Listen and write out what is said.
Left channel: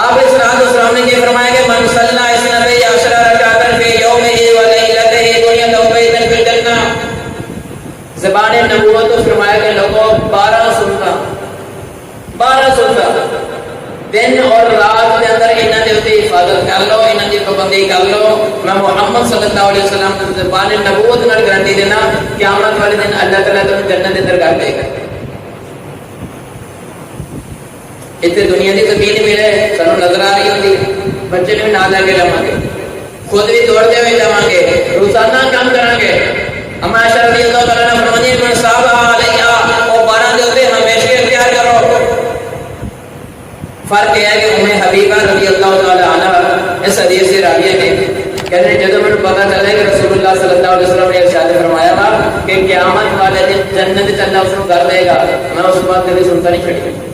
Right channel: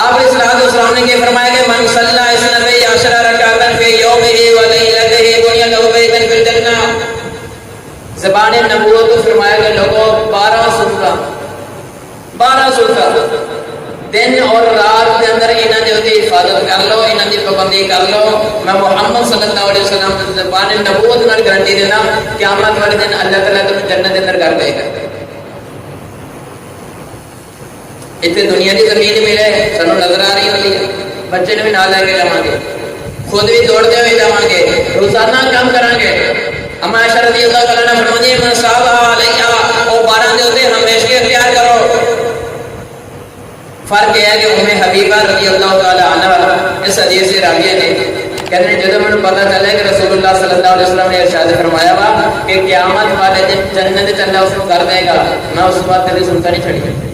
آپ السلام نے فرمایا کہ من صلی اسنبی عشر رکعتن فی یومہ و لیلتہ بنی لہ بیتن فی الجنہ. زبان نبوت کو فرمایا کہ لوگوں 12 سلطہ دن اور رات کے اندر انہاں دے اوتے حفاظت کر لو، انہاں دی پابندی کر لو. میں محمد صلی اللہ علیہ وسلم کی زبان نبوت نال گارنٹی دینا قیامت والے دن اللہ تعالیٰ تمہیں جنت اندر کر دے گا. اتنے دنیا کی زمین ملے سانو نظر آ رہی ہوئی، بچے نے بھی نہ لے کے جاؤں گے، خود بھی دوڑتے ہوئے جاؤں گے، روزانہ کام کریں گے. اما عائشہ رضی اللہ تعالیٰ نے فرمایا من صابہ علیہ اور 12 دے اوتے ہمیشہ اختیار کرو. فرق یہ ہے کہ ام حبیبہ رضی اللہ تعالیٰ عنہ اس حدیث سے راویہ نے کہتے ہیں جب مجھے پتا چلے کہ رسول اللہ صلی اللہ علیہ وسلم نے ارشاد فرمایا تھا کہ قیامت والے دن جنت اللہ اس کو کر دے گا، میں اس بات کبھی سنتا نہیں چھڑی.